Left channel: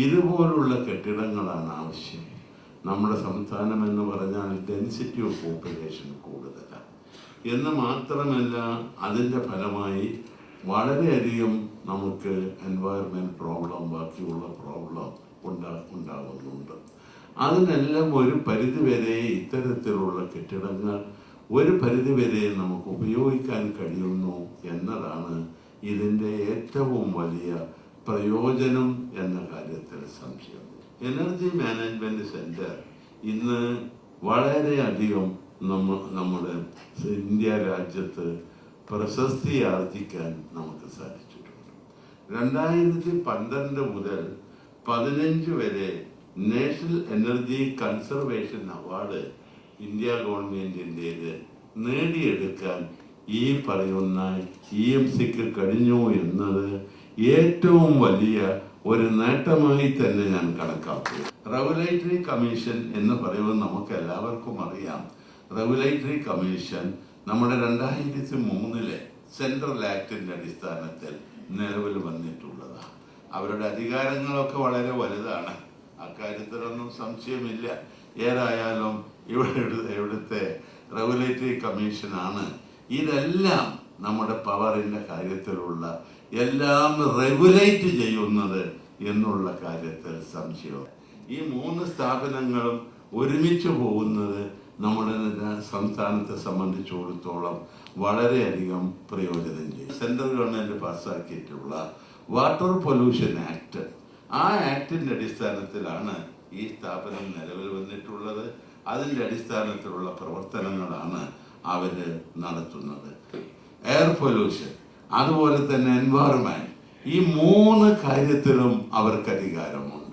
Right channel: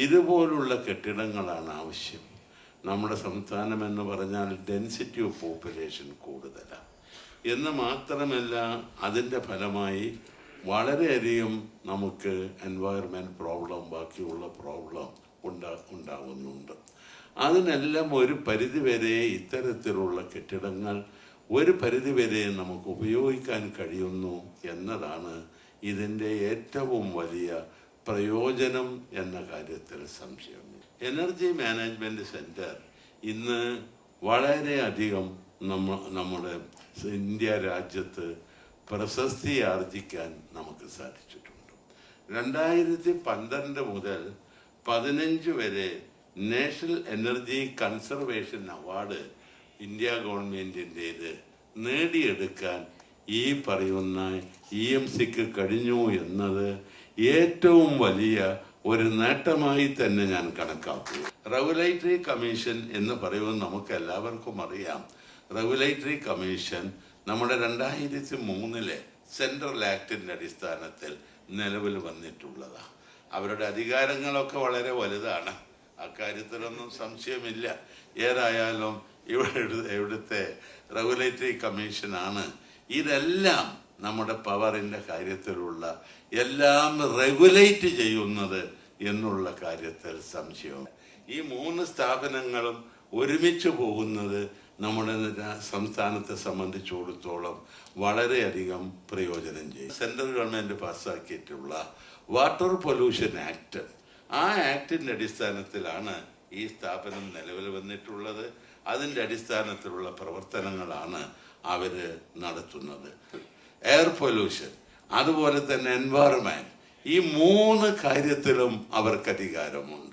ഇതുപോലുള്ള കെട്ടിടങ്ങളാണ് ആവശ്യം. നമ്മുടെ സംസ്ഥാനം എന്ന് പറഞ്ഞാൽ ഡെൻസിറ്റി ഓഫ് പോപ്പുലേഷൻ കൂടുതലാണ് എന്ന് മാത്രമല്ല, അതിൻ്റെ ഫലമായി വളരെയധികം നമുക്ക് എൻവയറമെൻറ്റ് പ്രോബ്ലം, ബാക്കിയുള്ള പ്രോബ്ലം ഉണ്ടാകുന്നുണ്ട്. അതിനെല്ലാം ഒരു പരിധിവരെ ഇത്തരത്തിലുള്ള കെട്ടിടങ്ങൾ ഒരു പരിധിവരെ നമുക്ക് ഉപയോഗിക്കാൻ കഴിയുന്നു എന്നതാണ് ഇതിൻ്റെ ഏറ്റവും വലിയ പ്രയോജനം എന്ന കാര്യത്തിൽ സംശയമില്ല. എനർജി മാനേജ്മെൻറ്റ് സെൻറ്റർ ഇന്ന് വളരെയധികം നമ്മുടെ ഇന്ത്യ രാജ്യത്ത് പ്രശസ്തി ആർജിക്കാൻ നമുക്ക് സാധിച്ചിട്ടുണ്ട്. 2012 മുതൽ 15 വരെ national energy conservation award India ഗവൺമെൻറ്റിൻ്റേത് നേടിയെടുക്കാൻ ഈ പറയുന്ന EMCക്ക് കഴിഞ്ഞു എന്നത് ഏറ്റവും വലിയ ഒരു നേട്ടമായി തന്നെ ഞാൻ കണക്കാക്കുന്നു. റെഗുലേറ്ററി കമ്മീഷൻ എന്ന് പറയുന്നത് നമുക്ക് എല്ലാവർക്കും അറിയാം. റെഗുലേറ്ററി കമ്മീഷൻ നമ്മുടെ 2003 സെൻട്രൽ ആക്ടിൻ്റെ അടിസ്ഥാനത്തിൽ നിലവിൽ വന്നിട്ടുള്ളതാണ്. അവരുടെ അധികാരങ്ങളൊക്കെ വളരെ വലുതാണ്, അക്കാര്യത്തിലൊന്നും സംശയമില്ല. ഏതായാലും ഇവിടുത്തെ റെഗുലേറ്ററി കമ്മീഷനാണ് ഇതെല്ലാം നമ്മുടെ പവറിൻ്റെ കാര്യത്തിലുള്ള എല്ലാം റെഗുലേറ്റ് ചെയ്യുന്നത് എന്നുള്ള കാര്യത്തിൽ സംശയവും. ഈ 3 സ്ഥാപനങ്ങളും ഒരുമിച്ച് പോകുന്നത് നമ്മുടെ സംസ്ഥാനത്തെ സംബന്ധിച്ചിടത്തോളം വളരെയധികം പ്രയോജനം ചെയ്യും. സെൻട്രൽ ഗവൺമെൻറ് പാസ്സാക്കിയിട്ടുള്ള വാട്ടർ പൊല്യൂഷൻ ആക്ട്, ആ ആക്ടിൻ്റെ അടിസ്ഥാനത്തിലാണ് ഈ സ്ഥാപനം നിലവിൽ വന്നിട്ടുള്ളത്. അതിൻ്റെ അടിസ്ഥാനത്തിലുള്ള പ്രവർത്തനങ്ങളാണ് അവർ നടത്തുന്നത്. എയർ പൊല്യൂഷൻ, അതുപോലെ തന്നെ എൻവയറമെൻറ്റ്, ഈ 3 കാര്യത്തിലും അവർക്ക് അധികാരമുണ്ട്.